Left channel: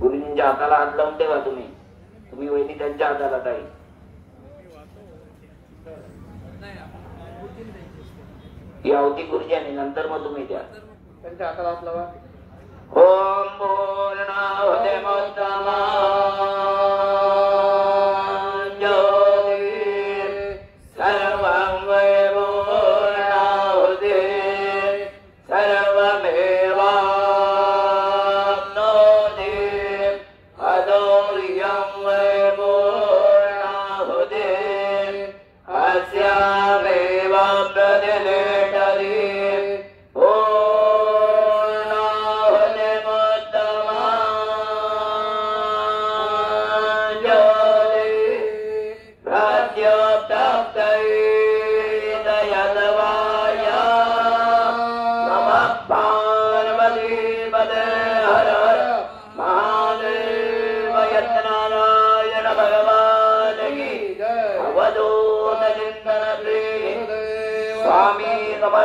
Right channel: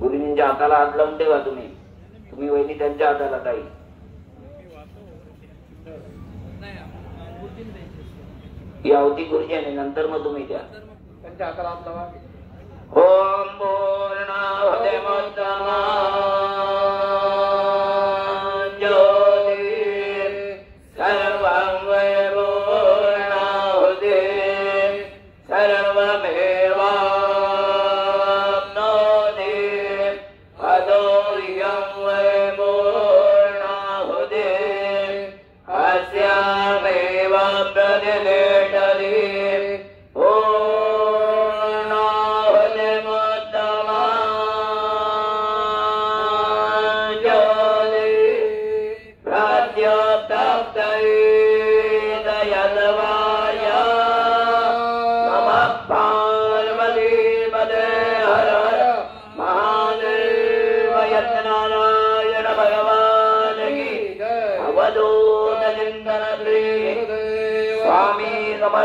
गुरुजींच्या हाताला हात लावते का तुम्ही? तुम्ही वैदिक त्यांच्या हाताला काही यावती गुरुजी आणि नंतर मग तुम्ही द्या त्यांच्या हाताला हात लावा. ओम पूर्णाहुते मुत्तमा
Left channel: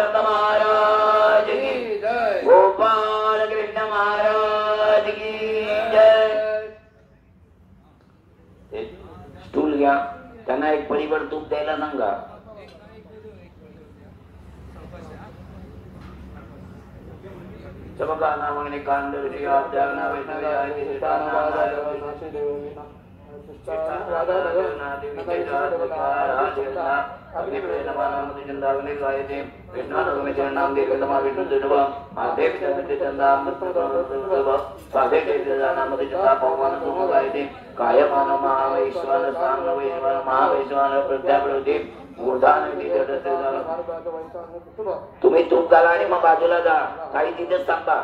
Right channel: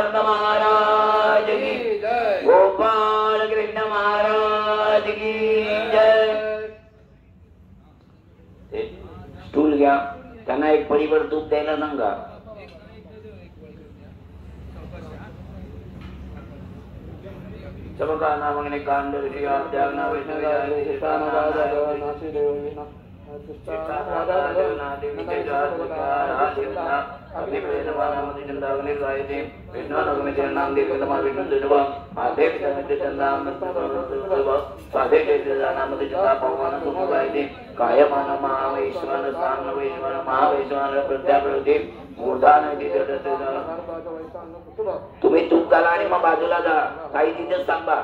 समर्थ महाराज की जय, गोपाल कृष्ण महाराज की जय। स्टूल घ्या, त्यांना एक पळीवर दूध द्यायला सांगा. चमका नावाने कांड विजयाध्याना विष्णुयानी विष्णाना दारोविनाशी देवीना राधा रघुना देवी तेजात्कार हासिना अग्नि प्रेरणाना मुझे चंदावनी सायते कृष्णा रघुने चरणाम दे कदमा विष्णु दुर्वा आधे विदमिते चंदाम मत्तुवा साधे तेजाना मुझे चंदा भगवान सुमुदायते कायमान महावैश्वान स्थान वैश्वान महावैश्वान प्रत्याप्रति मूर्धान विजयते तुम्ही तूप घाला आणि मग बाजूला जा. काही तिथेच सांगा.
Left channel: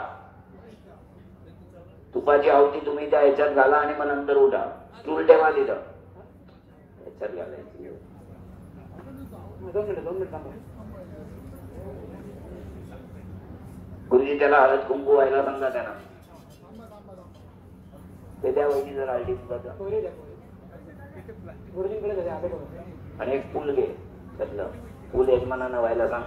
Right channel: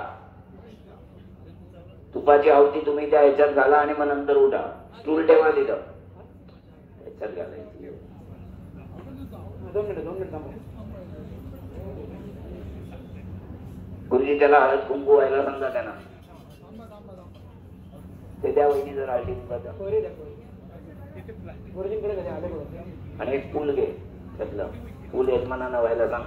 तुपाची आहुती तुम्ही त्या ह्याच्यात घाला आणि मग नंतर उठा. स्टूल ठेवा तिथं ह्याच्यात घालायचं. गुरुजी त्याला हळद कुंकू व्हायला सांगा. त्यांना ते द्या वहिनी जर हळदी आणि एक फुल घे. त्यातलं फुल एक मनानं व्हायला सांग.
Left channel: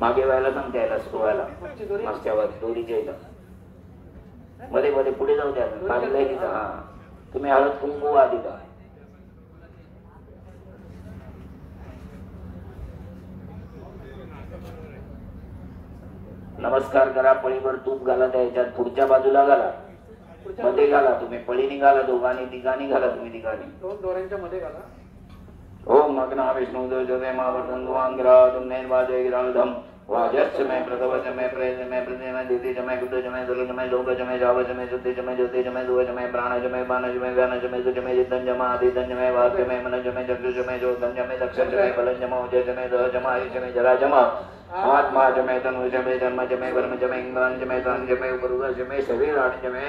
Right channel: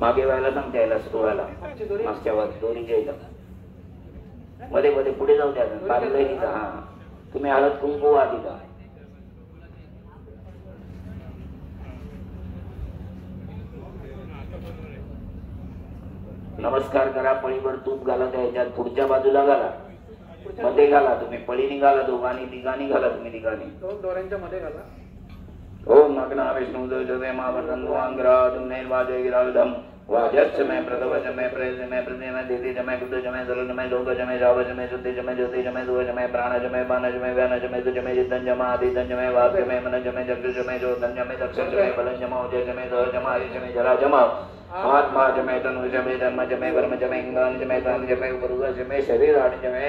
मागे व्हायला सांगते यायला सोहळ्याला मागच्यावर दोरीच्या इथं मध्ये मध्ये पुढे जाऊ द्या. हा तुम्ही हळद कुंकू आधी का नमस्कार करा. पळीवर तूप घाला त्याच्यात पुढच्या बाजूला घाला. मध्ये घाला. तुम्ही पळी निघाला दोघांनी तिघांनी घाला. तुम्ही निघाली दोऱ्यांच्या मध्ये घाला. ओम मग्ना विष्णु देवजवे मावटंगवांग्रादुन्ने वाजयिरालधम वाजस्मय प्रतवजमय प्रयजमय प्रजमय दितिजमय कुतजमय जलजमय लोकजमय जावजमय शुद्धिजमय ज्योतिजमय दुवजमय प्राणजमय बाणजमय गानजमय दुजमय जितंजमय आदितंजमय वाक्यमय मनजमय जगजमय ज्योतंजमय दक्षजमय बलजमय उजजमय दहजमय आयुजमय जलाजमय आत्माजमय तनुजमय जन्मजमय वर्मजमय इंद्रांजमय प्राणजमय गुरुजमय शरीराजमय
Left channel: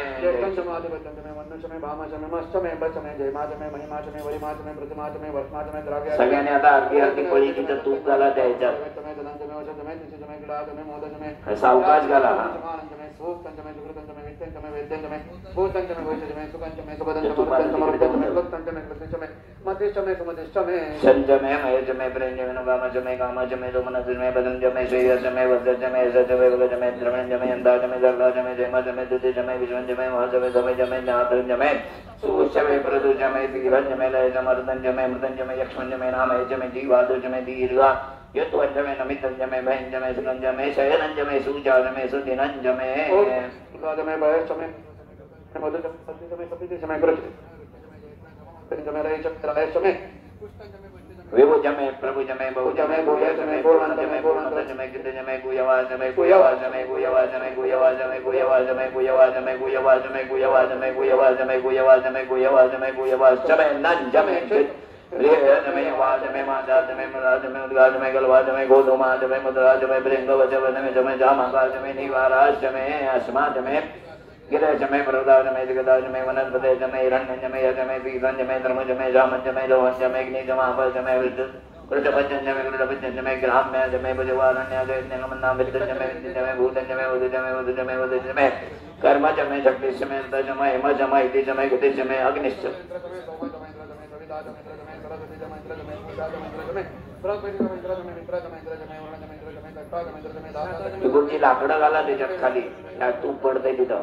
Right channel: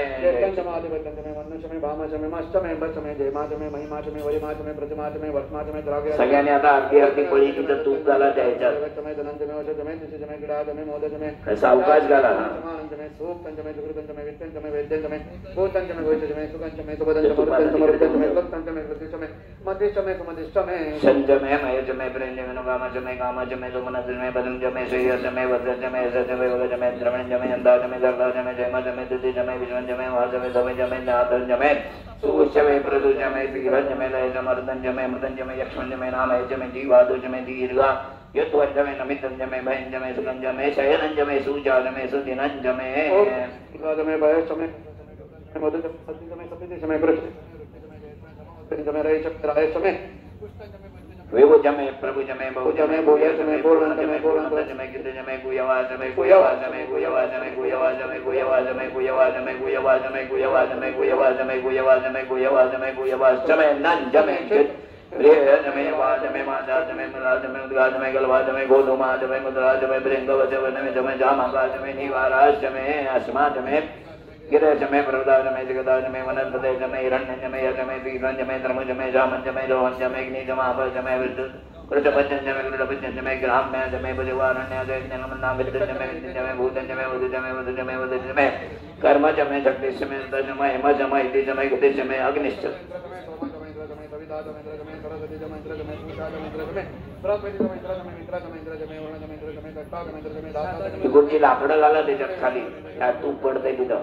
सगळ्यांनी आता अर्धी अर्धी पळी तिथं तूप घाला त्याच्यात. सावकाश घाला. संजमय मयजमय प्रेमजमय वामजमय कामजमय जोमनजमय बदनजमय श्रेयसमय वज्रजमय सतवेगजमय द्रवणजमय अंधाजमय जगजमय जयमजमय दुतिजमय विजयजमय वासवय धवजमय जातजमय सुषमय प्रदुजमय विरजमय लयजमर्दनजमय मृदनजमय यक्ष्मणजमय नामयजमय जीवादुजमय दीर्घा यत्वजमय नमितजमय भयंजमय सुगंजमय शयनंजमय सुजानमय सुदिनंजमय वादमय भयसमय मधुजमय सपितजमय प्रजमय विभुजमय प्रभुजमय बहुजमय भूयजमय भूवंजमय भूवंतजमय गितजमय गुयवाजमय गुयवाजमय गुयवाजमय गुयवाजमय गुयवाजमय गुयवाजमय गुयवाजमय गुयवाजमय गुयवाजमय गुयवाजमय गुयवाजमय गुयवाजमय नंजमय रेजमय वाजमय मादाजमय मुराजमय उद्गाजमय गलवाजमय गोधुमाजमय मुद्राजमय ब्रह्मवचमय जमय जामगाजमय निवाराजमय अस्माजमय गिरजमय प्रदाजमय जगदाजमय वनस्पतिजमय हिरण्यजमय यजमय बीजमय धर्मजमय जामजमय जवंजमय अग्निजमाभजमय वृद्धपंचमय वृद्धपंचमय ग्राम्यजमय भजवारण्यजमय विद्यजमय विद्यजमय भूतजमय वधुजमय वधुजमय वधुजमय कर्मजमय शक्तिजमय दजमय हिमजमय हितिजमय गुतिजमय अग्निश्च गुरुजी लाकडं घाला त्याच्यात खाली. त्यात तूप पडतंय तिथं.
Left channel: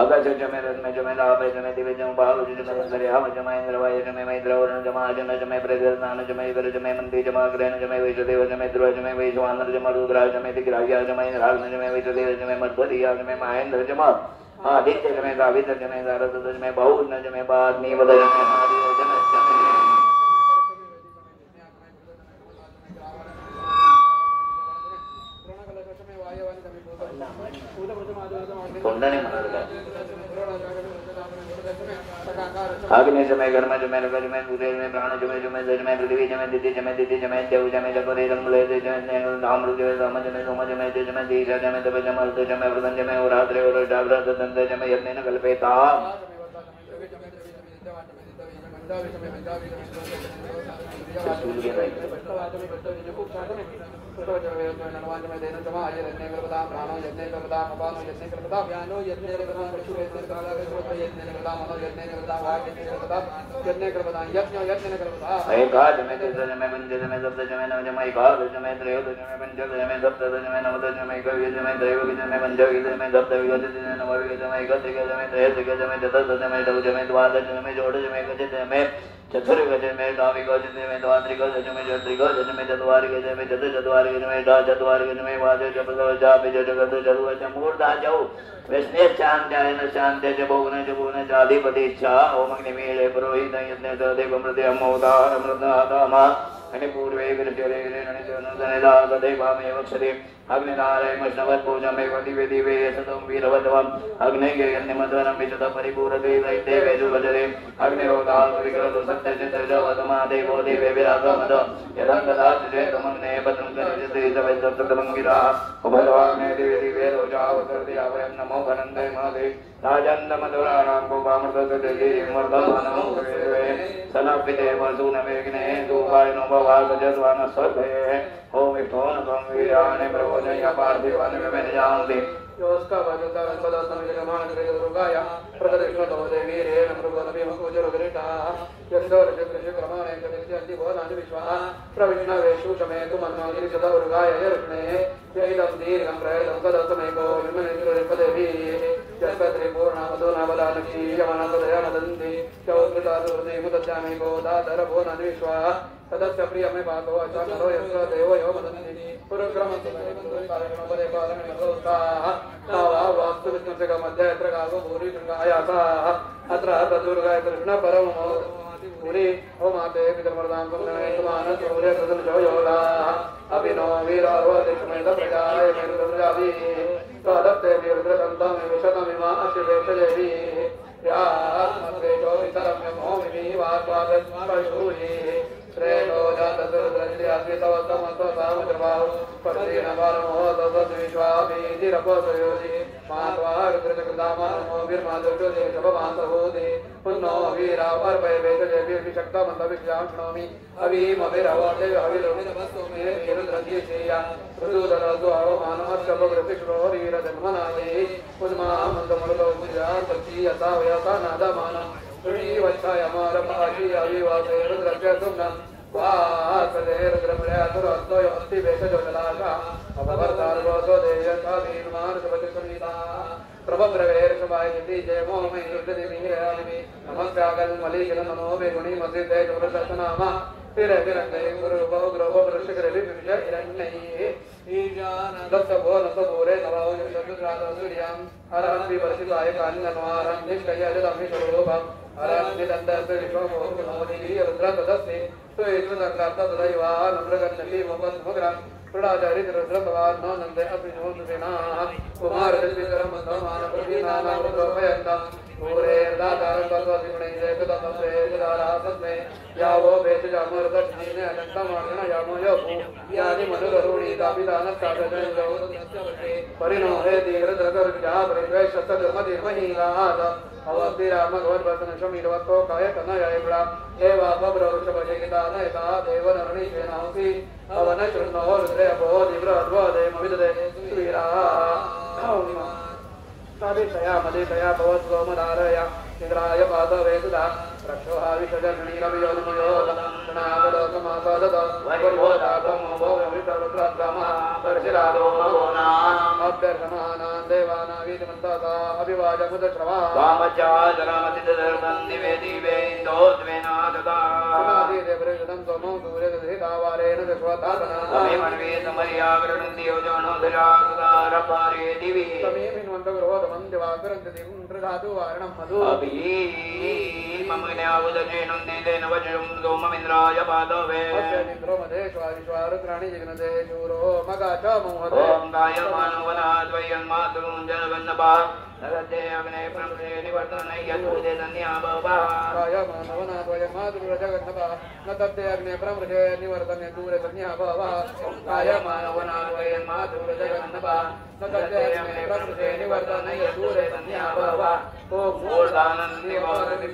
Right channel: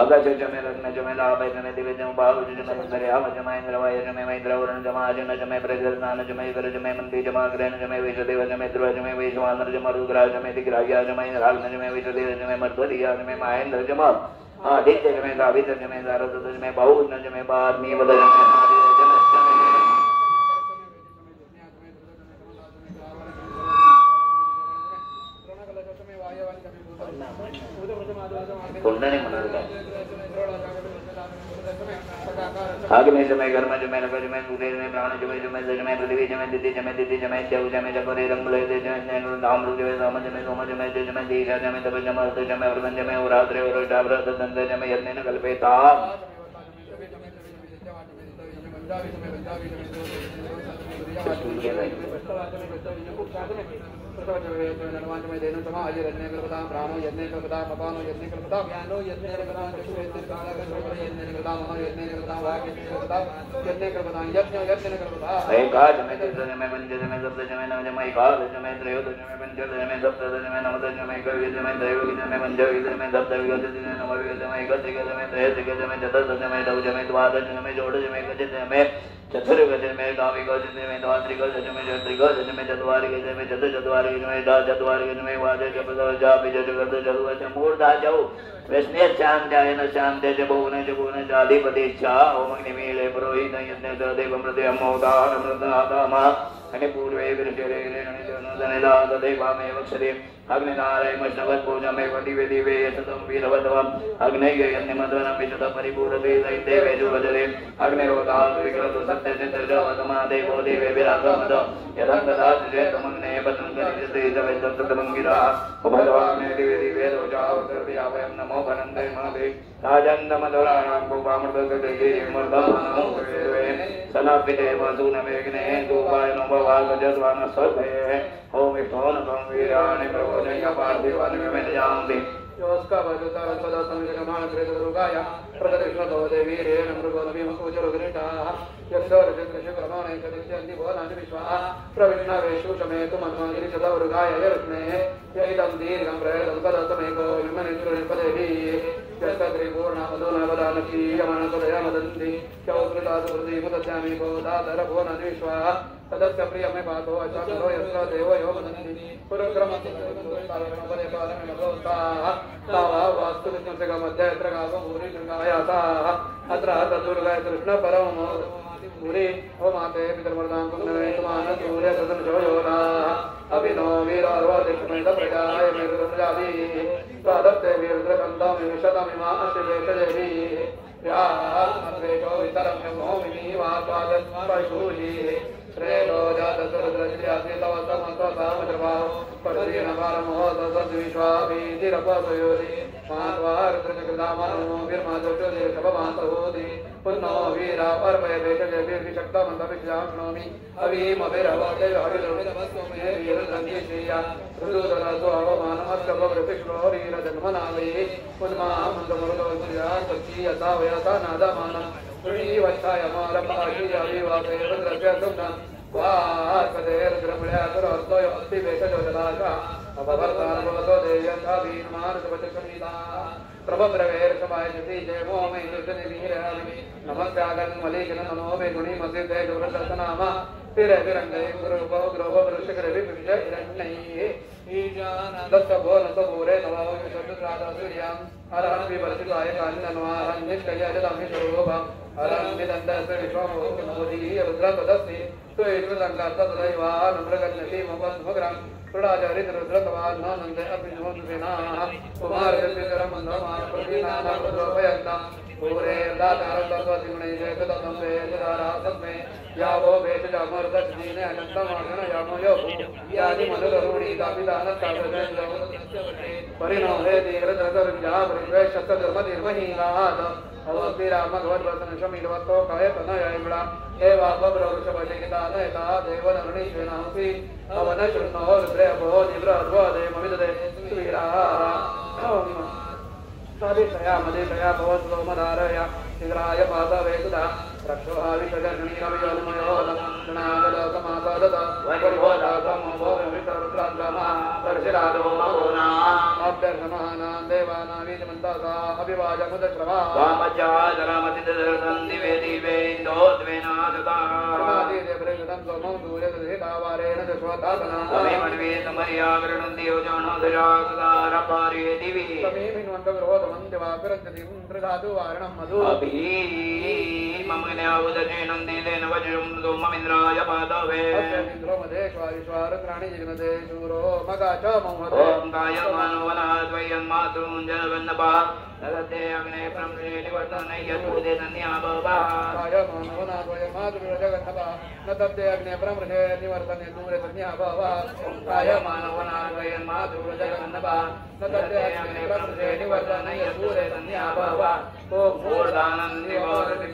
अगजमय रत्नजमय लाभजमय दिव्यजमय बाहुजमय हवजमय इंद्रवायुजमय मैत्रवरणजमय अजमय प्रगरनानजमय गलजमय नंदीजमय ग्रहणजमय वैशदेवजमय द्रोजमय वैश्वानरजमय रुद्राजमय दिग्राह्यजमय रालमजमय वैशदेवजमय मध्वरियाजमय महेंद्रजमय आदित्यजमय गावितजमय गारदजमय बाहुनजमय बादनीवदजमय अग्निजमय कर्मजमय नगरजमय भूतेजमय प्राणजमय जमय जजमय पृथ्वीजमय दितिजमय दितिजमय देवजमय जगदेजमय लयजमय धामरुजमय धामजमय सोमजमय तेजमय दीर्घजमय तपजमय अर्थजमय वृद्धजमय वरात्रे वरोटाव्रतदंतजमय यज्ञेन कल्पेता चतुर्गज में गावी गज में द्वादरी गज में जत्री गज में जद्वारी गज में जद जद्वारी में दा जद्वारी गज में वादे जब जा विजय जगत जगत मूर्धा जाओ वैष्णव चांद जाय न चांद जबोन जाधिपति इच्छा ओम निमीले पुरोहित यज्ञ देव मृदे अमोदा अमृतामा अनि पूर्वे गुरुचरे नैला देवामेव क्षरे अग्निनारायण नवद पूजमे दिवे दिवे सतम वीरवदवम अग्नये यन्निमद्वनं विचत परिपूरते देवे जुगजरे अग्निरोधा विग्रह सत्य सिद्ध देवो देवे विराजमद यदंगदा जयतमन्ने पतंगनिते जवेदत्तकमंगिरा भगवाने देवी दिवे रोजाव करते आवयं नमो भरन्ते नमः राजन्दमदुराणां गोपामदगदे मर्दं नमो देवे सनापिते वसुनमेघ्ने गोपाल नमोवागजद्वान सर्वे ओम विष्णु नमो वीराणे प्रभोदय पार्थिवन में जाऊंगी योस्का भगवता सदा संगमान रे दुर्गाया प्रदक्षिणो देवी रे मृगोलभि मकुजरोगरिता यन्दर जगृष क्रमाणे कदित्यन्ति भोनानि विश्वा प्रविष्णवेषु समेत ममानि सदा दुर्गाय हर्षणे यैदं दीर्घं प्रयतं पदतमेको विमनिर्पदेहि जगत्रि पूर्णावदोनावदानक्षी यानतदयानदन्ति चौकृतादोदेवदस्यामि गोदाधर भोनानि विश्वा तदस्य प्रियमे पातो अचामरो यस्य देवो योगदन्ति पुरक्रमति मंगलकारणे कालमे अवता वास्तुविद्यं मध्ये अत्र गावभूरि दुर्गायाता अत्र दुर्गाय कृष्ण परमो मुनि ओ माते पितृवर्धां कुलने मान सूर्य सदन जोयोला अभिनो वीरावदिष्मेत प्रदाय निरुमजादि स्वादत्ते वीरद्रकंदा मिशतमिमा अशिवेशयति या अद्वैतो वितरं मोहिनी वात्वादस्मरशूहि प्रेमो जातसर्वस्य अस्मितवत्तमत्व सार्वभौम पतिनवारमो तद्विश्वामीतिरपसयोति मात्वारुद्रजगदामा नमो वीरमाधव्योदे शभमान्तभूति पुन्नो वीरापर्वैवेशक्तमन्तविश्याम्नोमि अवीमभिरवादे अभिधर्मनमस्मे वीरदन्येश्रिया ऋदुदरसो अवमानमस्कर्वकृष्णोरीरधर्मनायै पुन्नामन्दमृतोमर्या सखीयता वयता नादमाना श्रीवत्सायमारपाशी अभिवादयेन्द्रव्यसुन्दन् वासदेरद्रव्यापुरस्तोयमस्ति वेशजोदलाशा अपवर्तारोदो देवताभीमानुसुरदुष्मिता प्रभद्रवेरसवायति जयमो मे निर्दनिधिरामि नमस्कारं मलिकं नमो मे गुणी मसिते जुरसनामा तिरविरंगे गुरुगो ग्रहो दृश्यकरे विजयरण्यै ईशानन्दसभो नतपूरे नवो विश्वराजसूर्यं हरन्ति वसिताय कान्नमारं निष्कयजलमिशोभा हरन्निदन्दस्य विश्वमो नमोदि रुद्रपदस्ते त्वयेतुसङ्गातदैवा रुद्रगन्नति मुपद्भुग्रं कृडादरिद्रुद्रकवान् मानन्दे अभिमोनिविनायः कुमारदृतिकरं मन्दमानप्रतिनानामदोपयन्तं पूरे दातारतत्वसिमणैजयतमसे जदारातस्मे यावो वेदजामर्दस्मीने अनन्तमानः यामोयो यानि मनुकरुणी दापिदानस्तापदयोगस्यवटे परिणोहे तीव्रतर्गविद्या प्रवेशतधर्मधिमहीनाद अवद्भिरामभगवद्वचनशमीलवत्तो कहे पनयैला एवापब्रवृषभेनिदानयता देवनरुणीशेनांसि अवनशृण्मो रुद्रे अभो तीव्रअर्भोदे मविददे श्रीराः अभिषया मदिषया भवत्सोमनारया इंद्राय पादवेदुदा रक्षोहाविषजन्मीलमियोन्मयो नागलोकमासादत वगर्भोधातं भोगवितरुद्राद्गामा दर्शिरादो मगोना अभ्यर्षमानां देवानामीतमन्तासा अभिवादमुदश्रवा वामचादरामतिदर्शन् दिवे दिवे इन्दोद्वेनादता समाधिदेवृगदं समो दूरेदधितावारेण दश्वतादना ओमे मन्वे समर्या गृह्णन्ति योजनोदरागदारपारे दिवि समीमिन्वन्तग्रहोदमं दिवाकरन्ति प्रधातु वारणं मधु अभि मंगल्यावदनेन नन्दितेन वज्रं दोममिन्द्राय पादवे इन्द्रो मदेश्वारिश्वारुद्राणि जगन्ते शूरो मगाच मोहदे ओम कायमानवनाद्वयं मातुं जनवन्नपा नरते अग्ने प्रमसे निवर्तनै यदुदे नन्याभवा कायमानवनाद्वयं मातुं जगन्नपा नतप्ते अग्ने प्रमसे निवर्तनै दूरे नन्याभवा कायमानवनाद्वयं मातुं जगन्नपा नतप्ते अग्ने प्रमसे निवर्तनै यदुदे नन्याभवा ओम मूर्धानं निवारति